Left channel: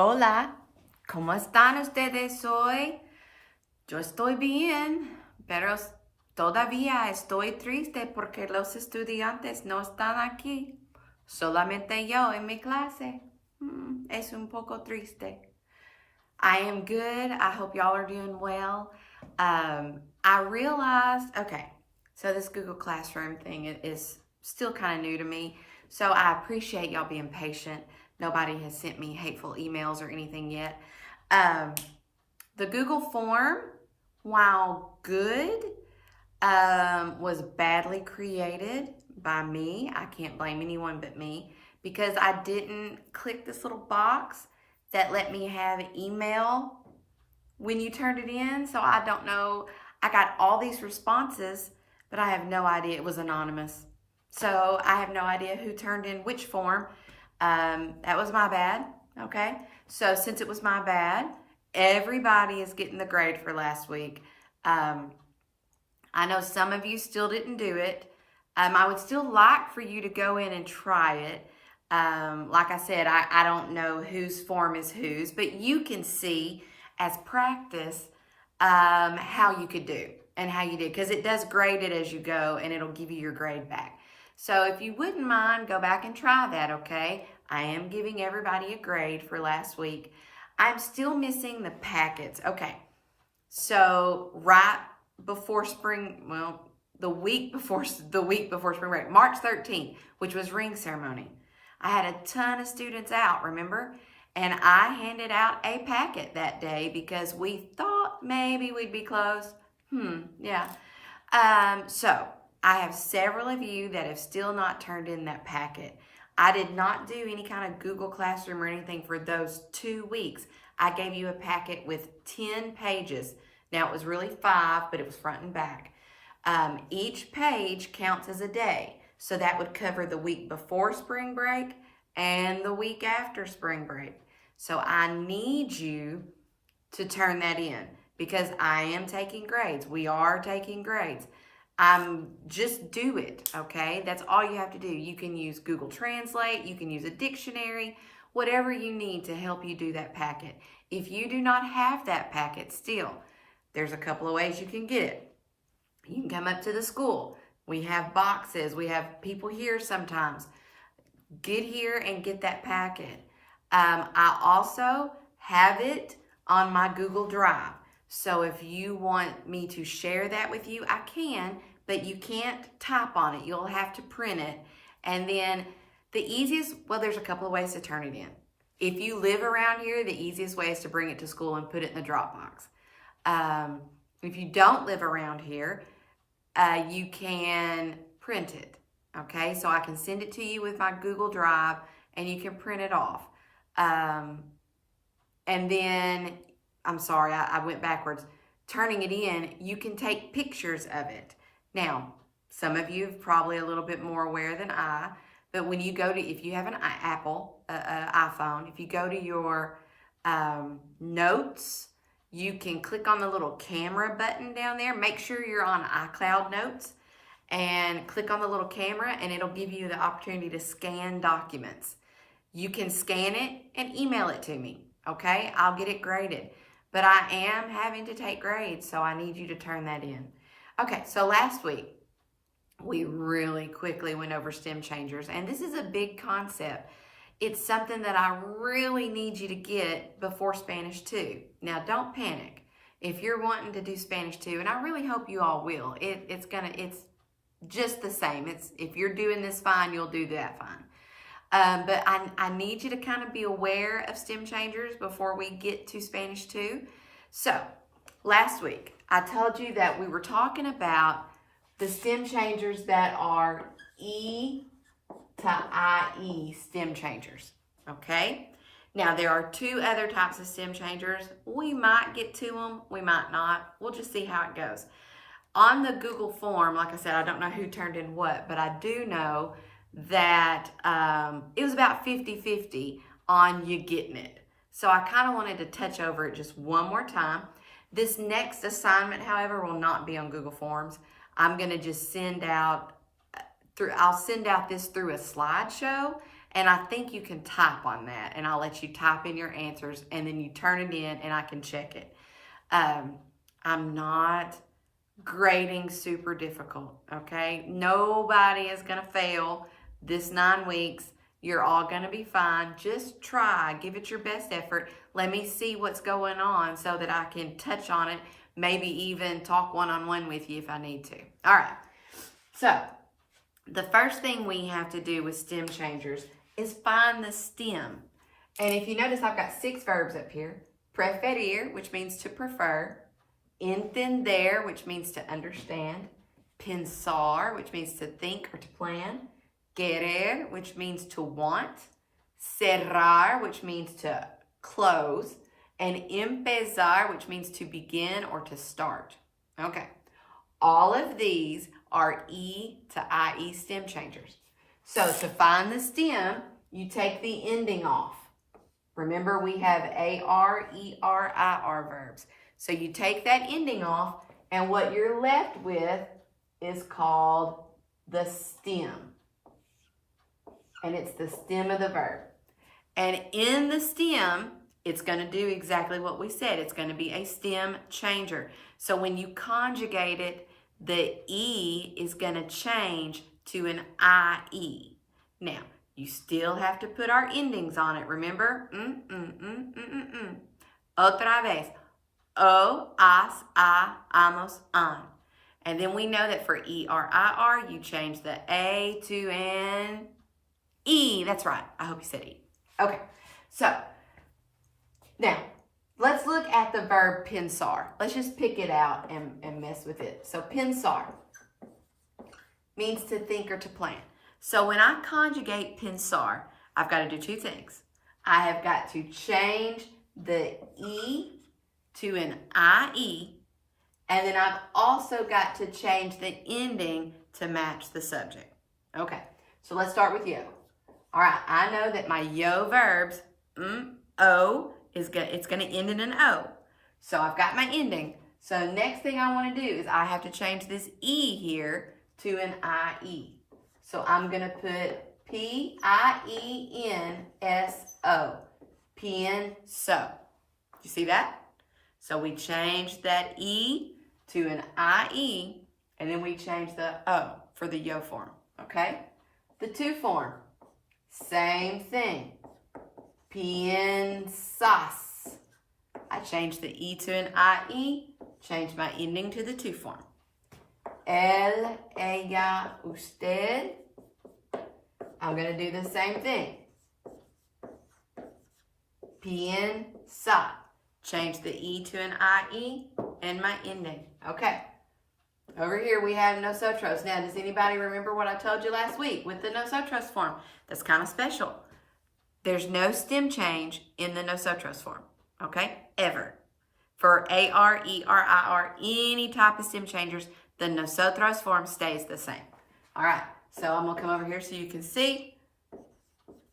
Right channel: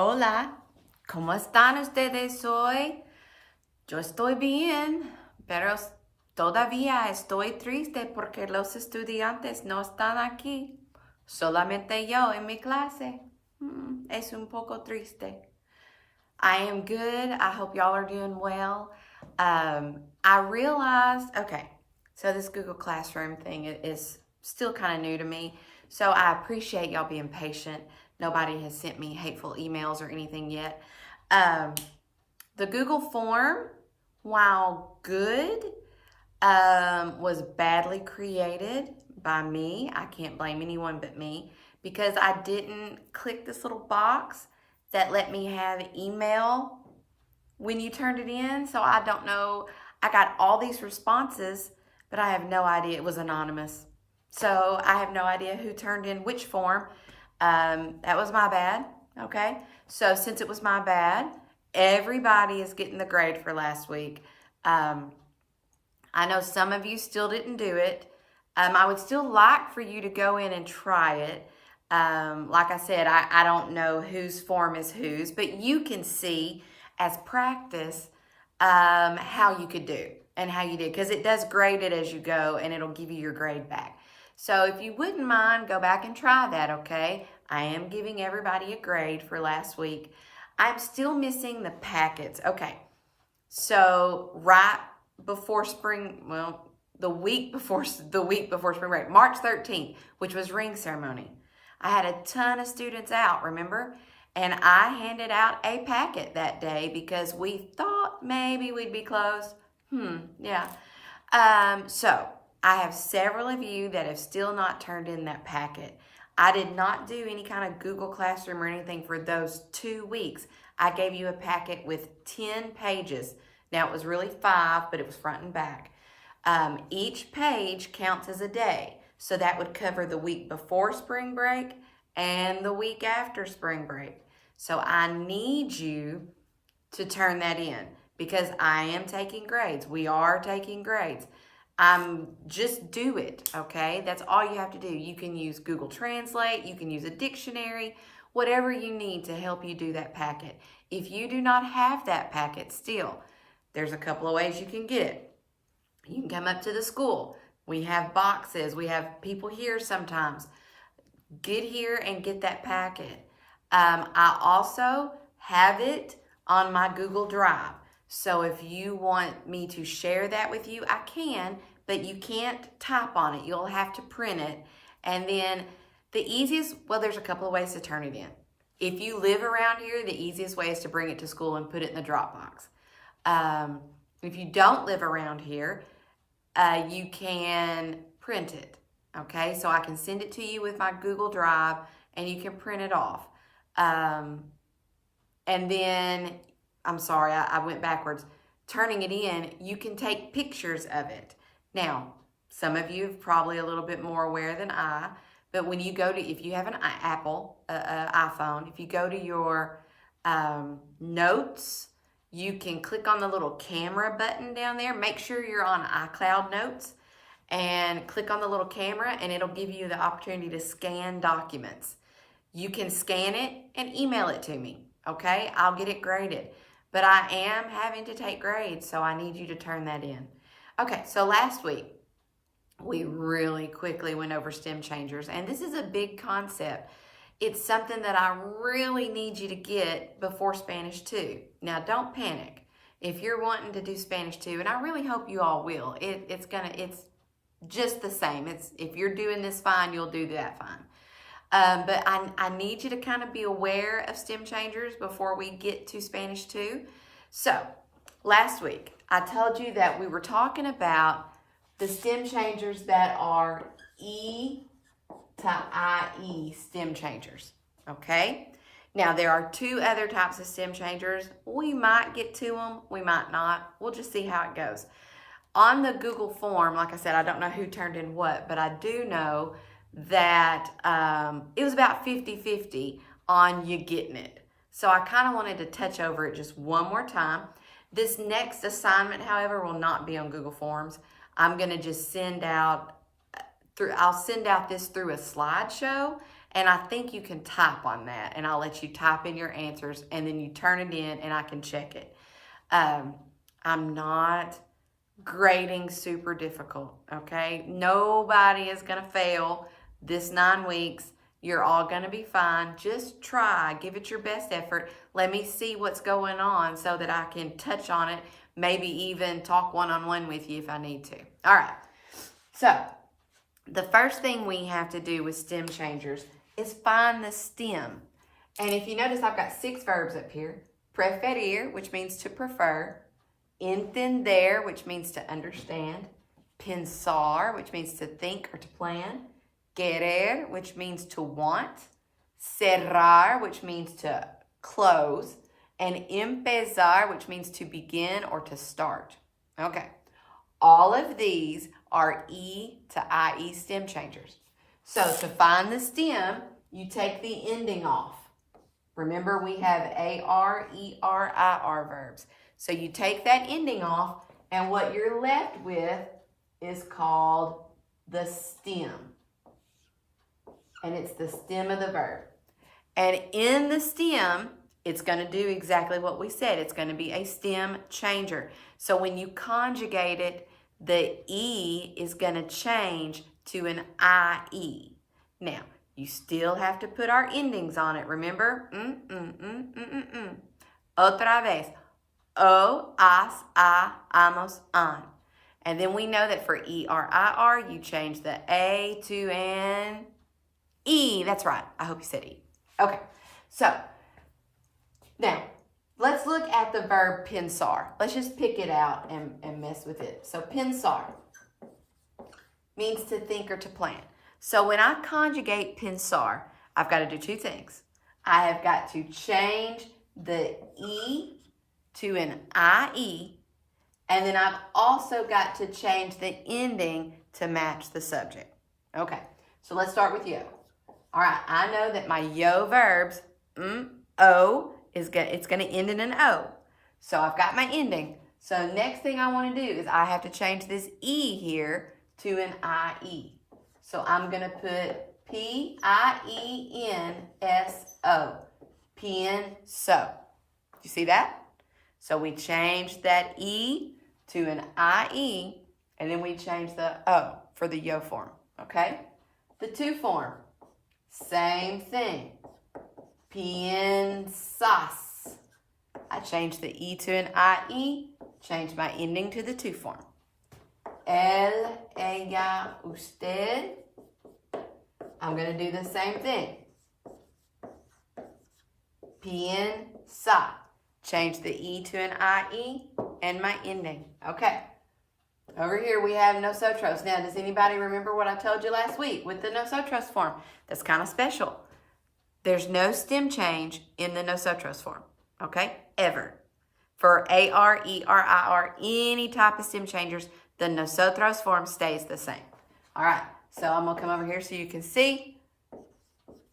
Hola, ¿cómo están ustedes hoy? Yo estoy bien, pero todavía estoy triste porque los estudiantes no están aquí. Solamente yo en mi clase. Es un poco triste. I am good. I hope y'all are doing well. I realized, okay, so this Google Classroom thing is still kind of new to me. So I appreciate y'all being patient. Nobody has sent me hateful emails or anything yet. The Google form, while good, was badly created by me. I can't blame anyone but me because I didn't click this little box that let me have email when you turned it in. So I don't know. I got all these responses, but I have no idea. It was anonymous. So I have no idea who turned in which form. That was my bad, okay? So since it was my bad, everybody is getting the grade for last week. I know some of you still didn't do it. I would still like for you to go in and try it. Like I said, I don't know whose form is whose, but you can see as practice how you could do and how you did, because it does grade it as you go and it'll give you your grade back. So if you wouldn't mind, go back and try that, okay? I am giving everybody a grade for last week. I'm still missing the packets. Okay, so right before spring, well, the week before spring break, March 13th, which was ring ceremony, I had a ton of students out, remember? And I handed out a packet that day because we thought maybe we'd be closed. Yeah. So I have several of you that have still not turned in that packet. I did not do any kind of Google Classroom or anything for those 2 weeks. I gave you a packet with 10 pages. Now it was really 5, but it was front and back. Each page counts as a day. So that would cover the week before spring break and the week after spring break. So I need you to turn that in because I am taking grades. We are taking grades. Just do it, okay? That's all you have to do. You can use Google Translate. You can use a dictionary, whatever you need to help you do that packet. If you do not have that packet still, there's a couple of ways you can get it. You can come up to the school. We have boxes. We have people here sometimes. Get here and get that packet. I also have it on my Google Drive. So if you want me to share that with you, I can, but you can't type on it. You'll have to print it. And then the easiest, well, there's a couple of ways to turn it in. If you live around here, the easiest way is to bring it to school and put it in the Dropbox. If you don't live around here, you can print it, okay? So I can send it to you with my Google Drive and you can print it off. And then, I'm sorry, I went backwards. Turning it in, you can take pictures of it. Now, some of you are probably a little bit more aware than I, but when you go to, if you have an iPhone, if you go to your notes, you can click on the little camera button down there. Make sure you're on iCloud Notes and click on the little camera and it'll give you the opportunity to scan documents. You can scan it and email it to me, okay? I'll get it graded. But I am having to take grades, so I need you to turn that in. Okay, so last week, we really quickly went over stem changers, and this is a big concept. It's something that I really need you to get before Spanish 2. Now, don't panic. If you're wanting to do Spanish 2, and I really hope you all will, it's just the same. If you're doing this fine, you'll do that fine. But I need you to kind of be aware of stem changers before we get to Spanish 2. So, last week, I told you that we were talking about the stem changers that are E to IE stem changers, okay? Now, there are 2 other types of stem changers. We might get to them, we might not. We'll just see how it goes. On the Google form, like I said, I don't know who turned in what, but I do know that it was about 50-50 on you getting it. So I kind of wanted to touch over it just one more time. This next assignment, however, will not be on Google Forms. I'm going to just I'll send out this through a slideshow And I think you can type on that, and I'll let you type in your answers, and then you turn it in, and I can check it. I'm not grading super difficult, okay? Nobody is going to fail this 9 weeks. You're all going to be fine. Just try. Give it your best effort. Let me see what's going on so that I can touch on it, maybe even talk one-on-one with you if I need to. All right. So the first thing we have to do with stem changers is find the stem. And if you notice, I've got 6 verbs up here. Preferir, which means to prefer. Entender, which means to understand. Pensar, which means to think or to plan. Querer, which means to want. Cerrar, which means to close. And empezar, which means to begin or to start. Okay. All of these are E to IE stem changers. So to find the stem, you take the ending off. Remember, we have AR, ER, IR verbs. So you take that ending off, and what you're left with is called the stem. And it's the stem of the verb. And in the stem, it's going to do exactly what we said. It's going to be a stem changer. So when you conjugate it, the E is going to change to an IE. Now, you still have to put our endings on it. Remember? Otra vez. O, as, a, amos, an. And then we know that for ER, IR, you change the A to an E. That's right. I hope you said E. Okay. So, now, let's look at the verb pensar. Let's just pick it out and mess with it. So, pensar means to think or to plan. So, when I conjugate pensar, I've got to do 2 things. I have got to change the E to an IE, and then I've also got to change the ending to match the subject. Okay, so let's start with yo. All right, I know that my yo verbs, O, it's going to end in an O. So I've got my ending. So next thing I want to do is I have to change this E here to an IE. So I'm going to put P-I-E-N-S-O. Pienso. You see that? So we changed that E to an IE, and then we changed the O for the yo form, okay? The to form, same thing. Piensas. I changed the E to an IE, changed my ending to the to form. Él, ella, usted. I'm going to do the same thing. Piensa. Change the E to an IE and my ending. Okay. Over here we have nosotros. Now, does anybody remember what I told you last week with the nosotros form? That's kind of special. There's no stem change in the nosotros form. Okay? Ever. For AR, ER, IR, any type of stem changers, the nosotros form stays the same. All right. So I'm going to come over here so you can see.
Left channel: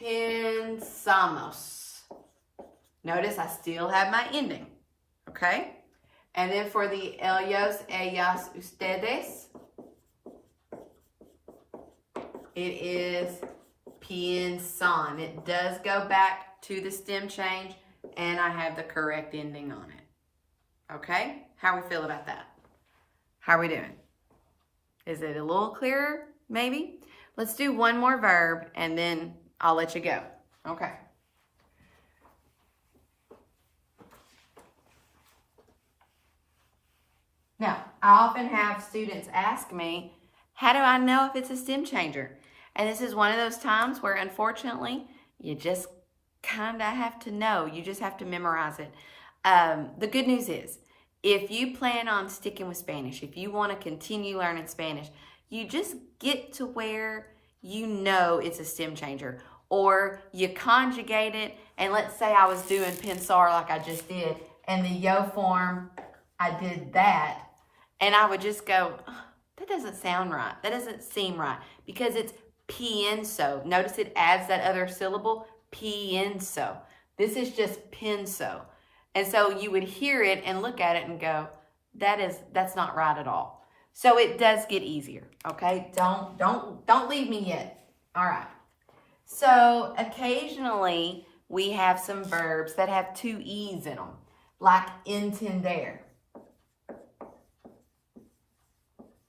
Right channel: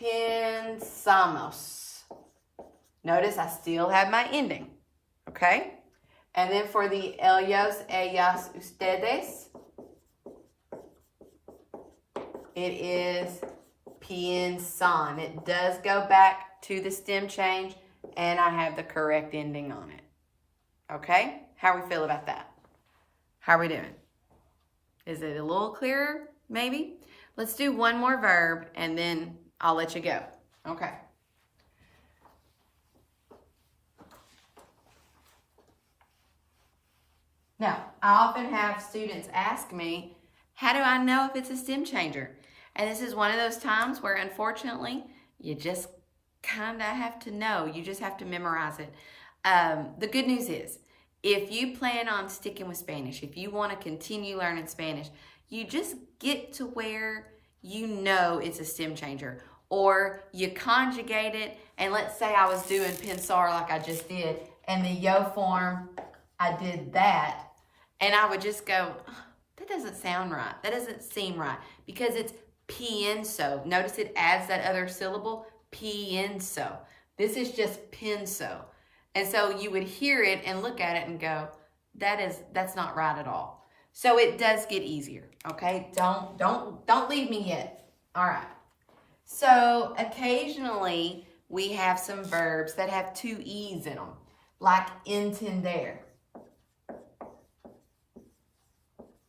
Pensamos. Notice I still have my ending, okay? And then for the ellos, ellas, ustedes, it is piensan. It does go back to the stem change, and I have the correct ending on it. Okay? How we feel about that? How are we doing? Is it a little clearer, maybe? Let's do one more verb, and then I'll let you go. Okay. Now, I often have students ask me, how do I know if it's a stem changer? And this is one of those times where, unfortunately, you just kind of have to know. You just have to memorize it. The good news is, if you plan on sticking with Spanish, if you want to continue learning Spanish, you just get to where you know it's a stem changer. Or you conjugate it, and let's say I was doing pensar like I just did, and the yo form, I did that. And I would just go, oh, that doesn't sound right. That doesn't seem right. Because it's pienso. Notice it adds that other syllable, pienso. This is just penso. And so you would hear it and look at it and go, that's not right at all. So it does get easier, okay? Don't leave me yet. All right. So occasionally we have some verbs that have two E's in them, like entender.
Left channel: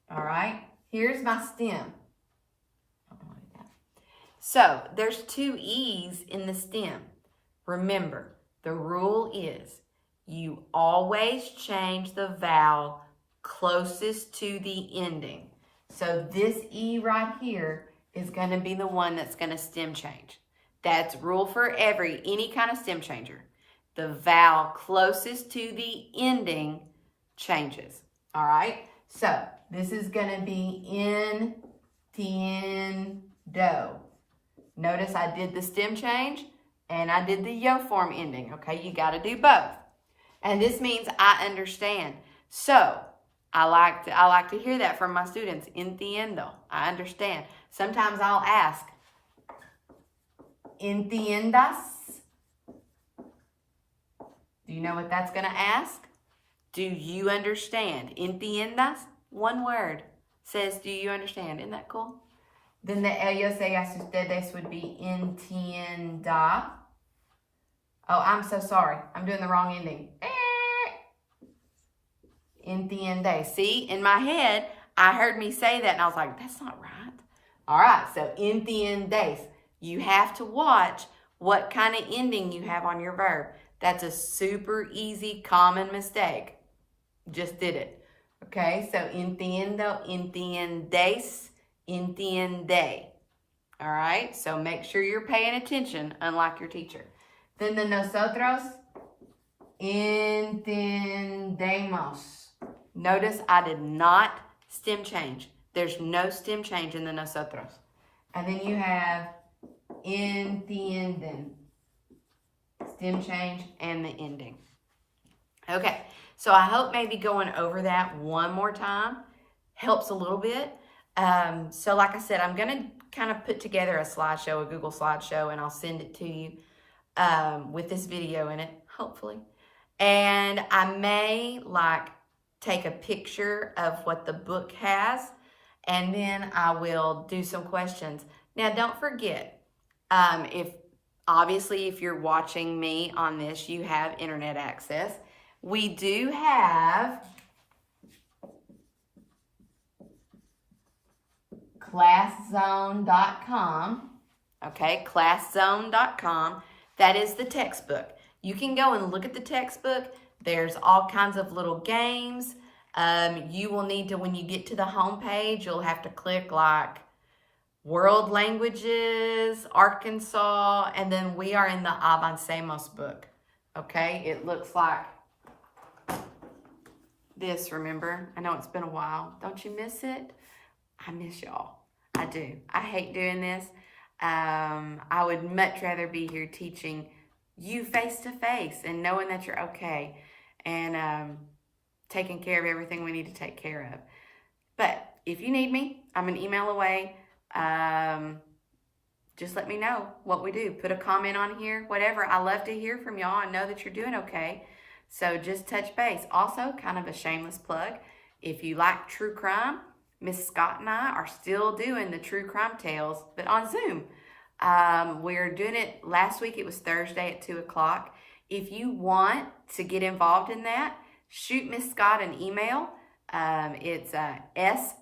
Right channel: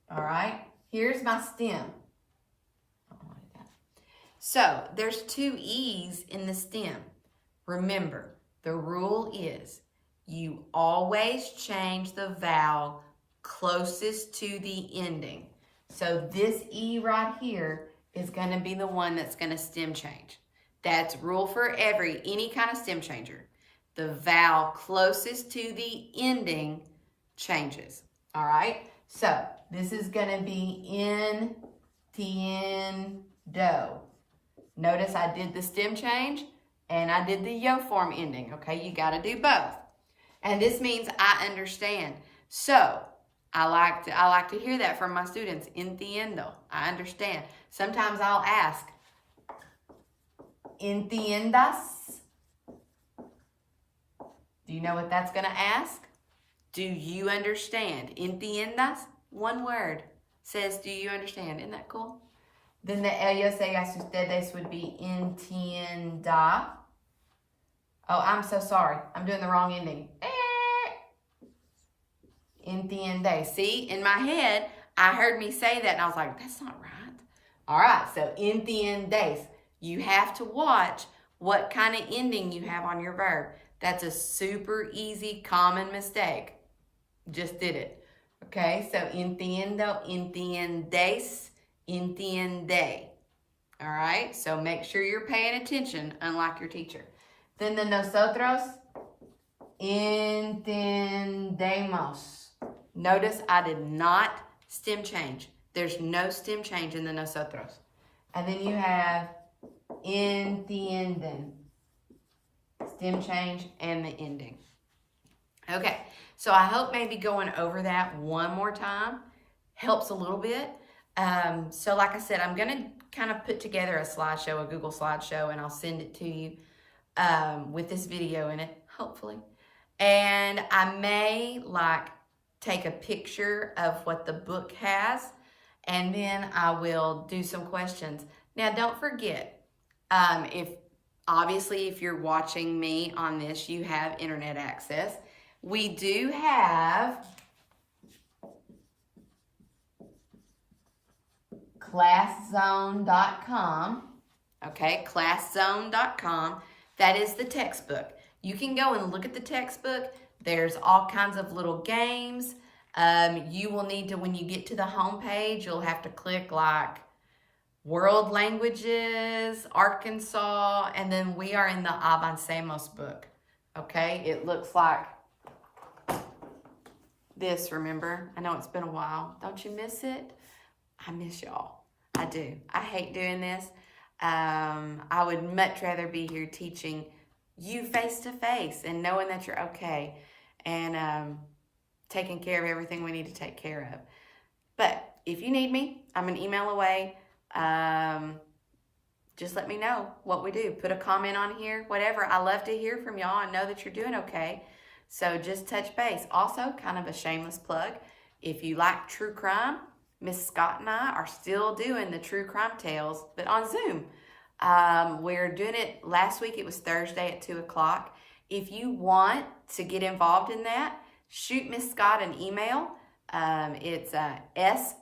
All right, here's my stem. So there's two E's in the stem. Remember, the rule is you always change the vowel closest to the ending. So this E right here is going to be the one that's going to stem change. That's rule for any kind of stem changer. The vowel closest to the ending changes. All right? So this is going to be entiendo. Notice I did the stem change and I did the yo form ending. Okay, you got to do both. And this means I understand. So I like to hear that from my students. Entiendo. I understand. Sometimes I'll ask, ¿entiendas? Do you know what that's going to ask? Do you understand? ¿Entiendas? One word says, do you understand? Isn't that cool? Then the ellos, ellas, ustedes would be entienda. Oh, I'm so sorry. I'm doing the wrong ending. Entiende. See, in my head, I heard me say that and I was like, that's not right. All right, so entiendes. You have to watch what kind of ending you have on your verb. That's a super easy, common mistake. Just did it. Okay, so entiendo, entiendes, entiende. All right, so make sure you're paying attention, unlike your teacher. Then the nosotros, entendemos. Notice I did not stem change. There's no stem change in the nosotros. And then you have entienden. Stem change and the ending. Okay, so I hope maybe going over that one more time helps a little bit. So like I said, I'm going to kind of put together a slideshow, a Google slideshow, and I'll send it to you with this video in it, hopefully. And I may take a picture of what the book has, and then I will do some questions. Now, don't forget, if you're watching me on this, you have internet access. We do have ClassZone.com. Okay, ClassZone.com. That is the textbook. You can go and look at the textbook. There's all kinds of little games. You will need to, when you get to the home page, you'll have to click World Languages, Arkansas, and then we are in the Avancemos book. Okay, it looks like this, remember? I know it's been a while. Don't you miss it? I miss y'all. I do. I hate doing this. I would much rather be here teaching you face to face and knowing that you're okay and taking care of everything we need to take care of. But if you need me, I'm an email away. Just let me know what we do. Put a comment on here, whatever. I love to hear from y'all and know that you're doing okay. So just touch base. Also, kind of a shameless plug, if you like true crime, Miss Scott and I are still doing the true crime tales, but on Zoom. We're doing it, last week it was Thursday at 2 o'clock. If you want to get involved in that, shoot Miss Scott an email. It's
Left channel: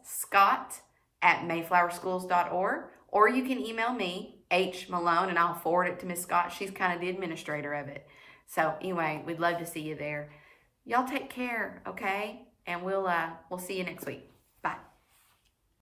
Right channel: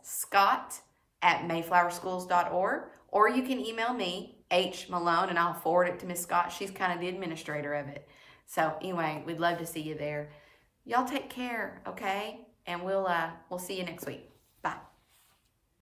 scott@mayflowerschools.org, or you can email me, H. Malone, and I'll forward it to Miss Scott. She's kind of the administrator of it. So anyway, we'd love to see you there. Y'all take care, okay? And we'll see you next week. Bye.